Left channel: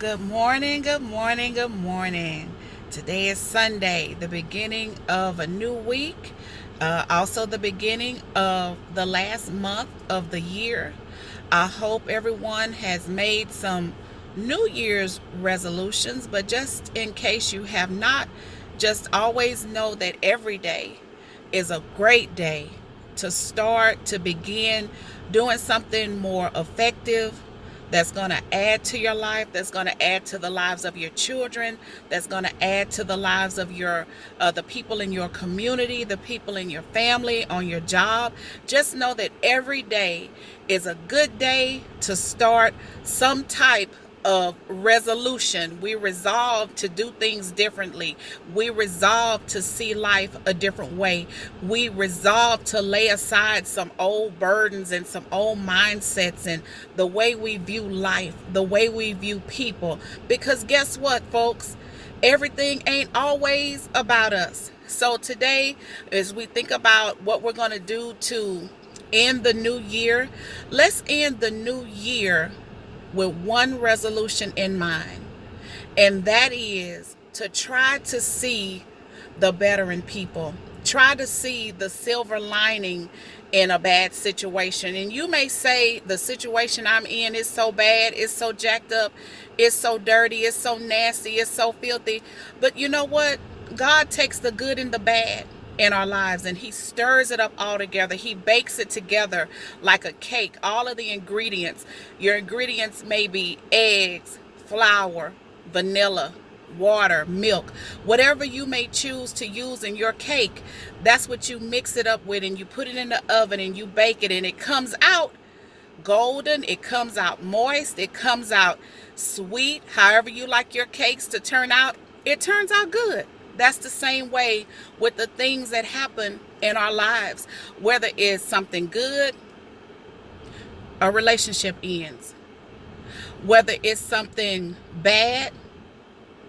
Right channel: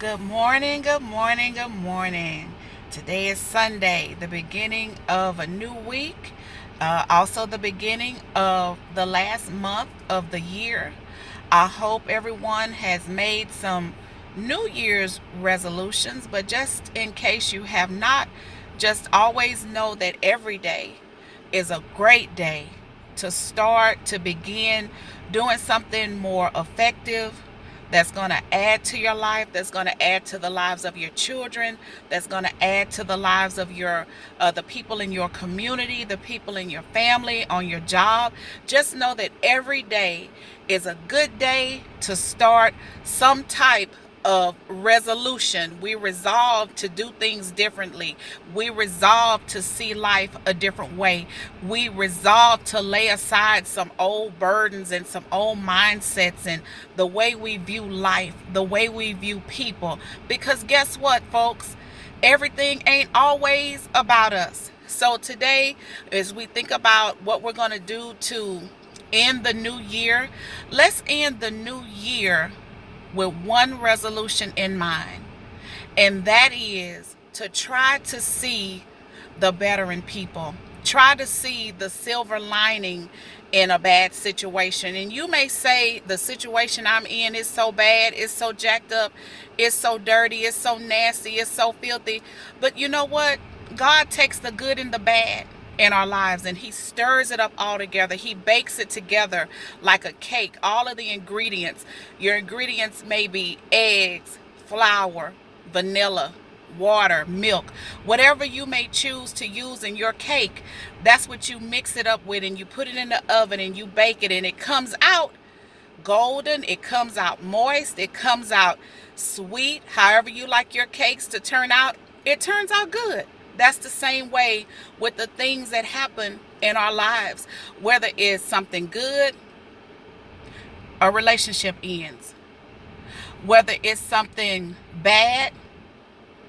Good morning, good morning, good morning. Today is Sunday, the beginning of a new week, also the beginning of the last month of the year. I hope everyone has made some New Year's resolutions, but just in case you have not, just always know that every day is a great day to start, to begin doing something more effective that's going to add to your life, that's going to add to the lives of your children, that's going to add to the lives of your the people in your community, the people in your family, on your job. Just know that every day is a good day to start some type of resolution. We resolve to do things differently. We resolve to see life a different way. We resolve to lay aside some old burdens and some old mindsets and the way we view life, the way we view people. Because guess what, folks? Everything ain't always about us. So today, as we think about what we're going to do to end the new year, let's end the new year with one resolution in mind, and that is to try to see the better in people. Try to see the silver lining in a bad situation. And you may say, the situation I'm in is so bad, it's so jacked up, it's so dirty, it's so nasty, it's so filthy. But you know what? God takes the good and the bad in our lives and he stirs it up all together. He bakes it together like a cake. All of the ingredients. Your ingredients may be eggs, flour, vanilla, water, milk, whatever you may choose to use in your cake. That's what you mix it up with, and you put it in the oven and you bake it, and it comes out golden, it comes out moist, it comes out sweet. However you like your cakes to turn out, it turns out good. That's the same way with the things that happen in our lives. Whether it's something good, a relationship ends. Whether it's something bad,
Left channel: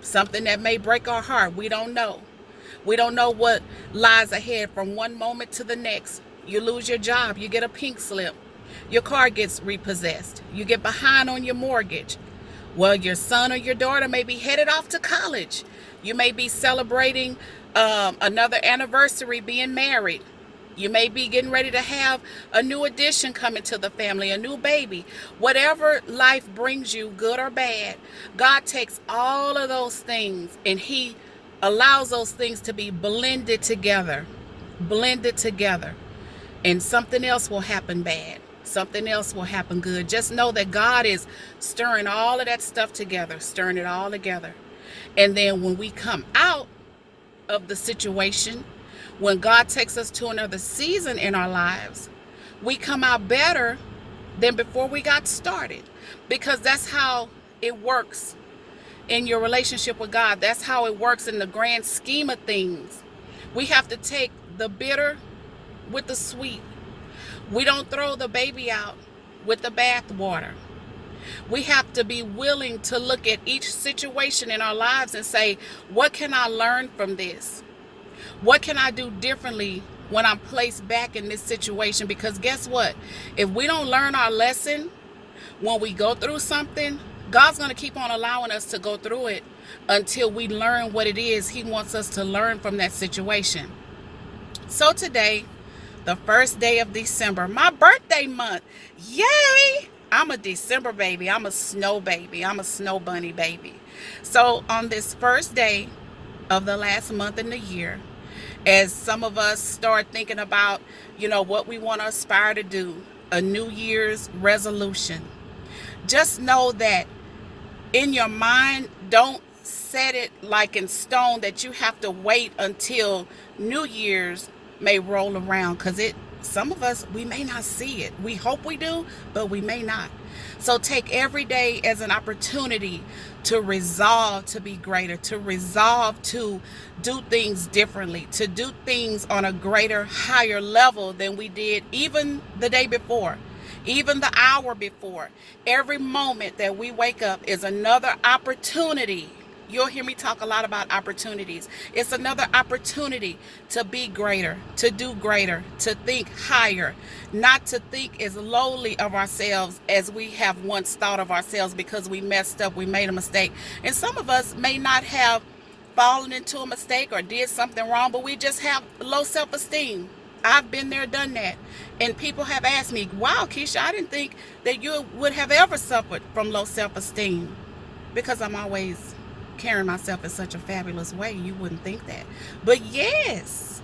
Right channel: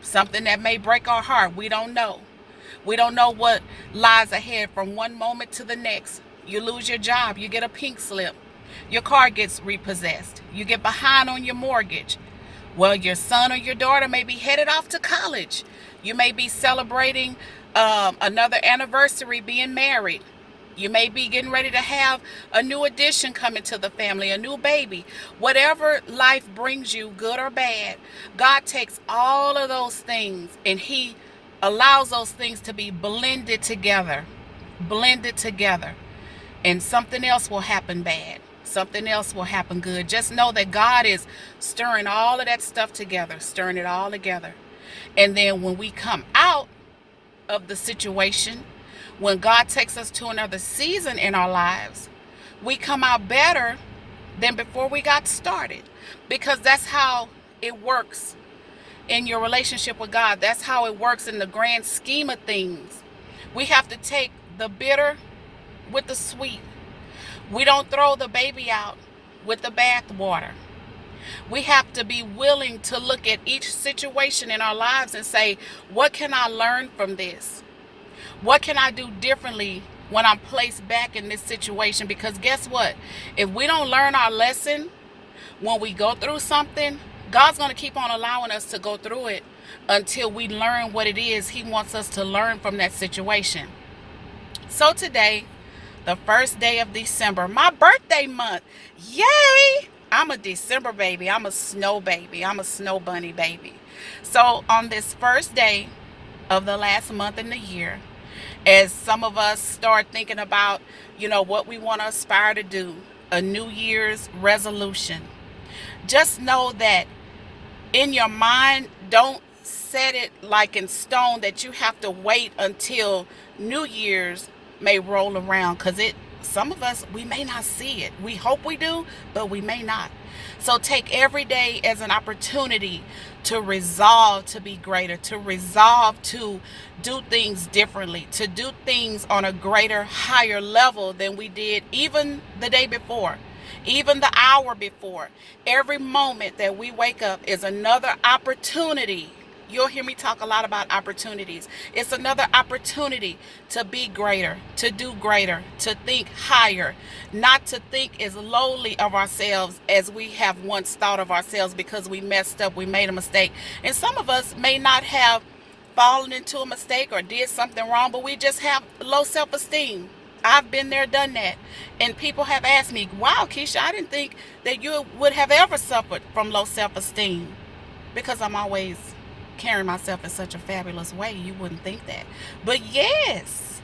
something that may break our heart, we don't know. We don't know what lies ahead from one moment to the next. You lose your job, you get a pink slip, your car gets repossessed, you get behind on your mortgage. Well, your son or your daughter may be headed off to college. You may be celebrating another anniversary being married. You may be getting ready to have a new addition coming to the family, a new baby. Whatever life brings you, good or bad, God takes all of those things and he allows those things to be blended together, and something else will happen bad. Something else will happen good. Just know that God is stirring all of that stuff together, stirring it all together. And then when we come out of the situation, when God takes us to another season in our lives, we come out better than before we got started. Because that's how it works in your relationship with God. That's how it works in the grand scheme of things. We have to take the bitter with the sweet. We don't throw the baby out with the bath water. We have to be willing to look at each situation in our lives and say, what can I learn from this? What can I do differently when I'm placed back in this situation? Because guess what? If we don't learn our lesson when we go through something, God's going to keep on allowing us to go through it until we learn what it is He wants us to learn from that situation. So today, the first day of December, my birthday month. Yay! I'm a December baby. I'm a snow baby. I'm a snow bunny baby. So on this first day of the last month in the year, as some of us start thinking about, what we want to aspire to do, a New Year's resolution, just know that in your mind, don't set it like in stone that you have to wait until New Year's may roll around, because some of us, we may not see it. We hope we do, but we may not. So take every day as an opportunity to resolve to be greater, to resolve to do things differently, to do things on a greater, higher level than we did even the day before, even the hour before. Every moment that we wake up is another opportunity You'll hear me talk a lot about opportunities. It's another opportunity to be greater, to do greater, to think higher, not to think as lowly of ourselves as we have once thought of ourselves because we messed up, we made a mistake. And some of us may not have fallen into a mistake or did something wrong, but we just have low self-esteem. I've been there, done that. And people have asked me, wow, Keisha, I didn't think that you would have ever suffered from low self-esteem, because I'm always carrying myself in such a fabulous way. You wouldn't think that. But yes,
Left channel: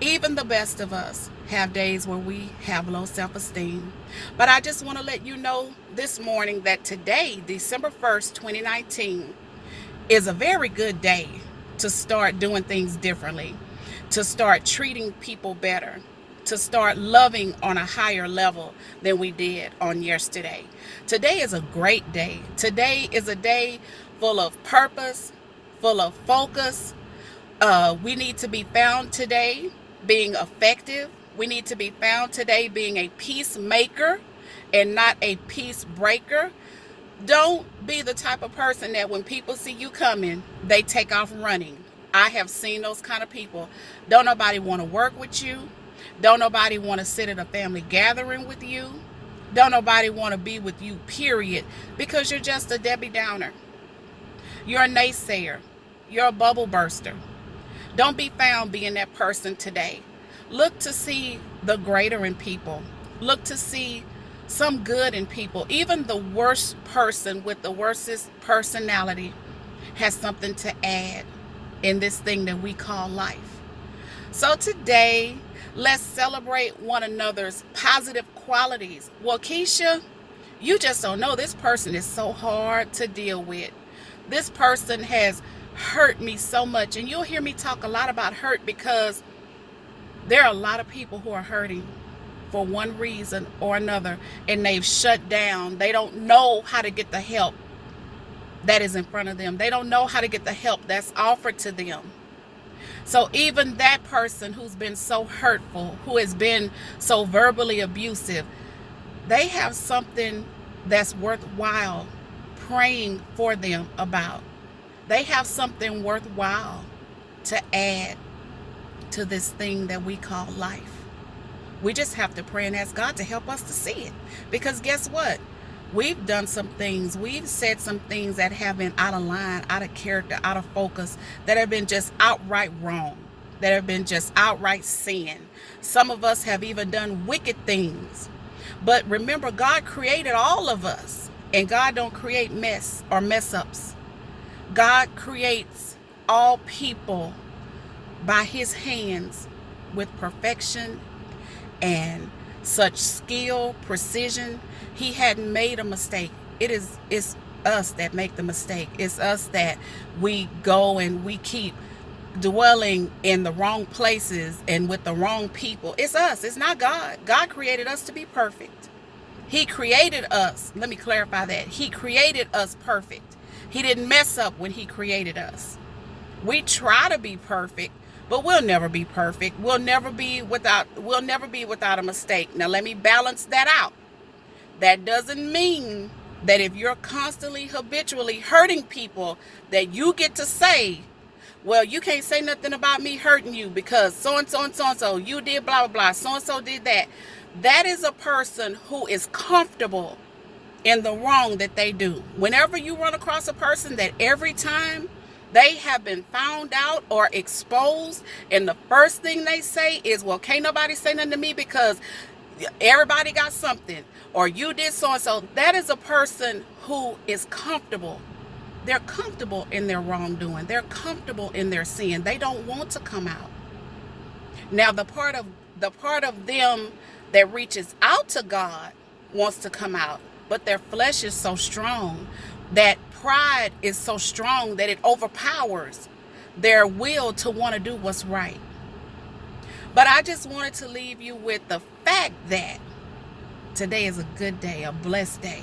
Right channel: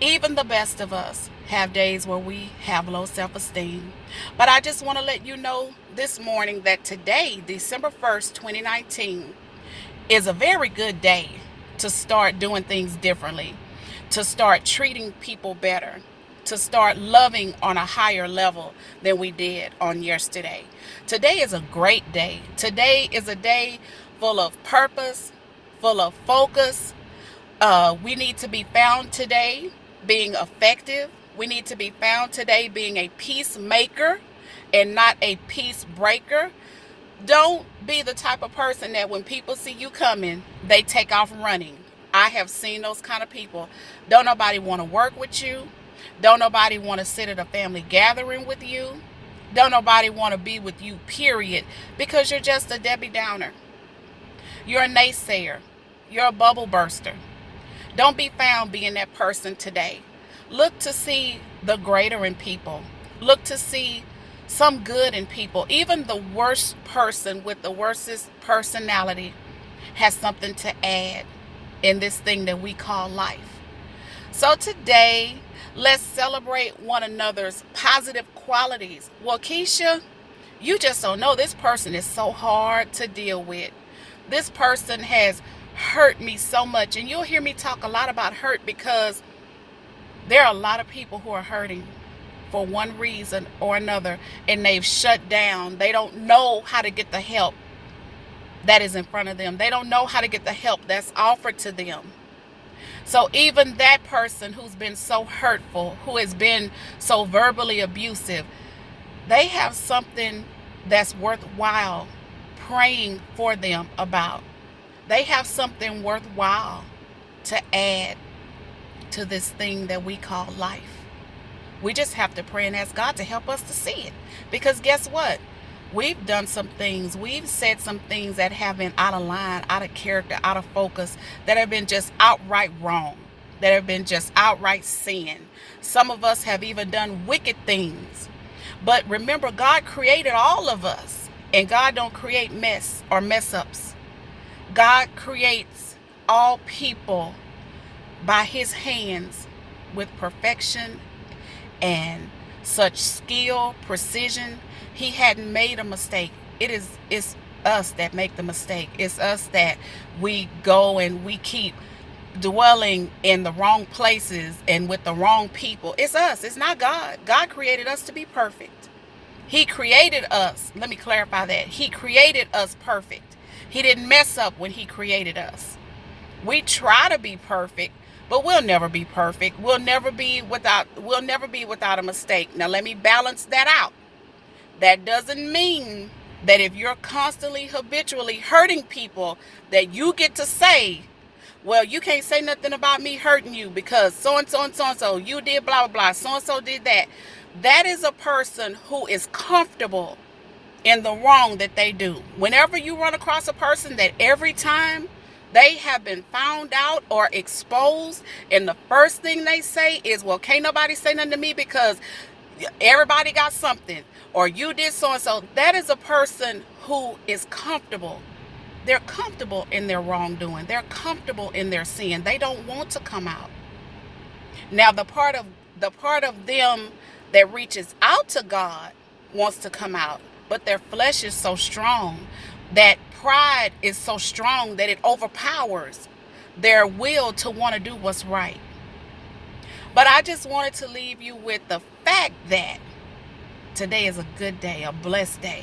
even the best of us have days where we have low self-esteem. But I just want to let you know this morning that today, December 1st, 2019, is a very good day to start doing things differently, to start treating people better, to start loving on a higher level than we did on yesterday. Today is a great day. Today is a day full of purpose, full of focus. We need to be found today being effective. We need to be found today being a peacemaker and not a peace breaker. Don't be the type of person that when people see you coming, they take off running. I have seen those kind of people. Don't nobody want to work with you. Don't nobody want to sit at a family gathering with you. Don't nobody want to be with you, period, because you're just a Debbie Downer. You're a naysayer. You're a bubble burster. Don't be found being that person today. Look to see the greater in people. Look to see some good in people. Even the worst person with the worstest personality has something to add in this thing that we call life. So today, let's celebrate one another's positive qualities. Well, Keisha, you just don't know, this person is so hard to deal with. This person has hurt me so much. And you'll hear me talk a lot about hurt because there are a lot of people who are hurting for one reason or another, and they've shut down. They don't know how to get the help that is in front of them. They don't know how to get the help that's offered to them. So even that person who's been so hurtful, who has been so verbally abusive, they have something that's worthwhile praying for them about. They have something worthwhile to add to this thing that we call life. We just have to pray and ask God to help us to see it. Because guess what? We've done some things, we've said some things that have been out of line, out of character, out of focus, that have been just outright wrong, that have been just outright sin. Some of us have even done wicked things. But remember, God created all of us, and God don't create mess or mess ups. God creates all people by his hands with perfection and such skill, precision. He hadn't made a mistake. It's us that make the mistake. It's us that we go and we keep dwelling in the wrong places and with the wrong people. It's us. It's not God. God created us to be perfect. He created us. Let me clarify that. He created us perfect. He didn't mess up when he created us. We try to be perfect, but we'll never be perfect. We'll never be without a mistake. Now let me balance that out. That doesn't mean that if you're constantly, habitually hurting people, that you get to say, well, you can't say nothing about me hurting you because so-and-so and so-and-so, you did blah, blah, blah, so-and-so did that. That is a person who is comfortable in the wrong that they do. Whenever you run across a person that every time they have been found out or exposed, and the first thing they say is, well, can't nobody say nothing to me because everybody got something, or you did so-and-so. That is a person who is comfortable. They're comfortable in their wrongdoing. They're comfortable in their sin. They don't want to come out. Now, the part of them that reaches out to God wants to come out, but their flesh is so strong, that pride is so strong that it overpowers their will to want to do what's right. But I just wanted to leave you with the fact that today is a good day, a blessed day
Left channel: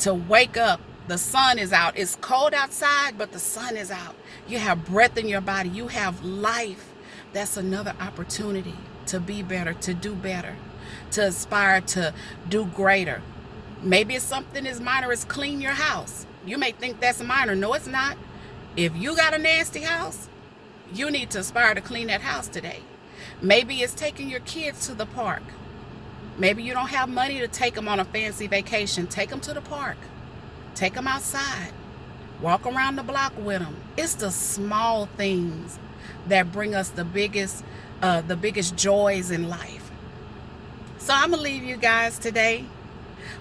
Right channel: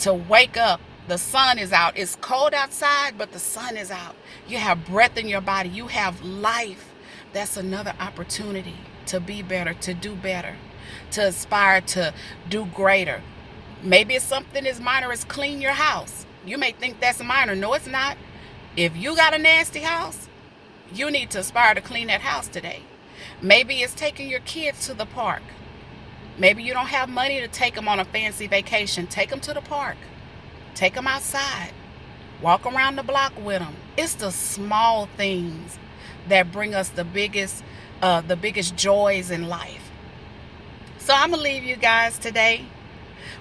to wake up. The sun is out. It's cold outside, but the sun is out. You have breath in your body. You have life. That's another opportunity to be better, to do better, to aspire to do greater. Maybe it's something as minor as clean your house. You may think that's minor. No, it's not. If you got a nasty house, you need to aspire to clean that house today. Maybe it's taking your kids to the park. Maybe you don't have money to take them on a fancy vacation. Take them to the park. Take them outside. Walk around the block with them. It's the small things that bring us the biggest joys in life. So I'm going to leave you guys today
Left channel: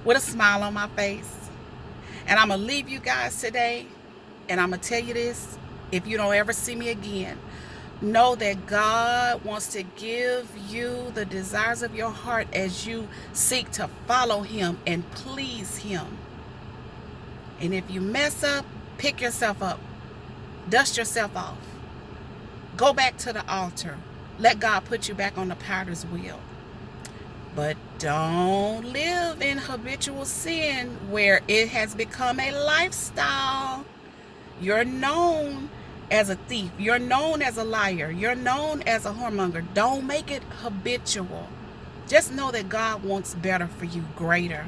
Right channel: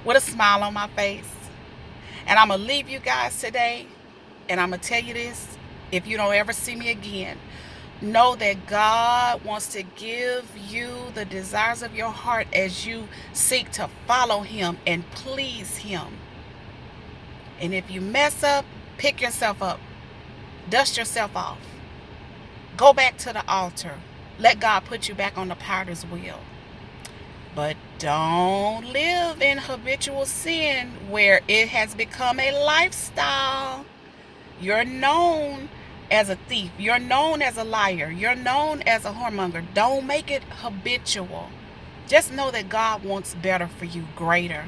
with a smile on my face. And I'm going to leave you guys today, and I'm going to tell you this, if you don't ever see me again, know that God wants to give you the desires of your heart as you seek to follow Him and please Him. And if you mess up, pick yourself up. Dust yourself off. Go back to the altar. Let God put you back on the potter's wheel. But don't live in habitual sin where it has become a lifestyle. You're known as a thief. You're known as a liar. You're known as a whoremonger. Don't make it habitual. Just know that God wants better for you, greater.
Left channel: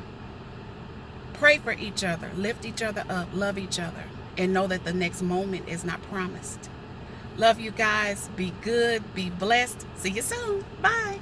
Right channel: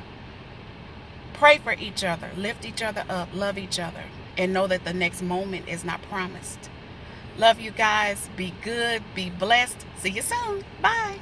Pray for each other. Lift each other up. Love each other. And know that the next moment is not promised. Love you guys. Be good. Be blessed. See you soon. Bye.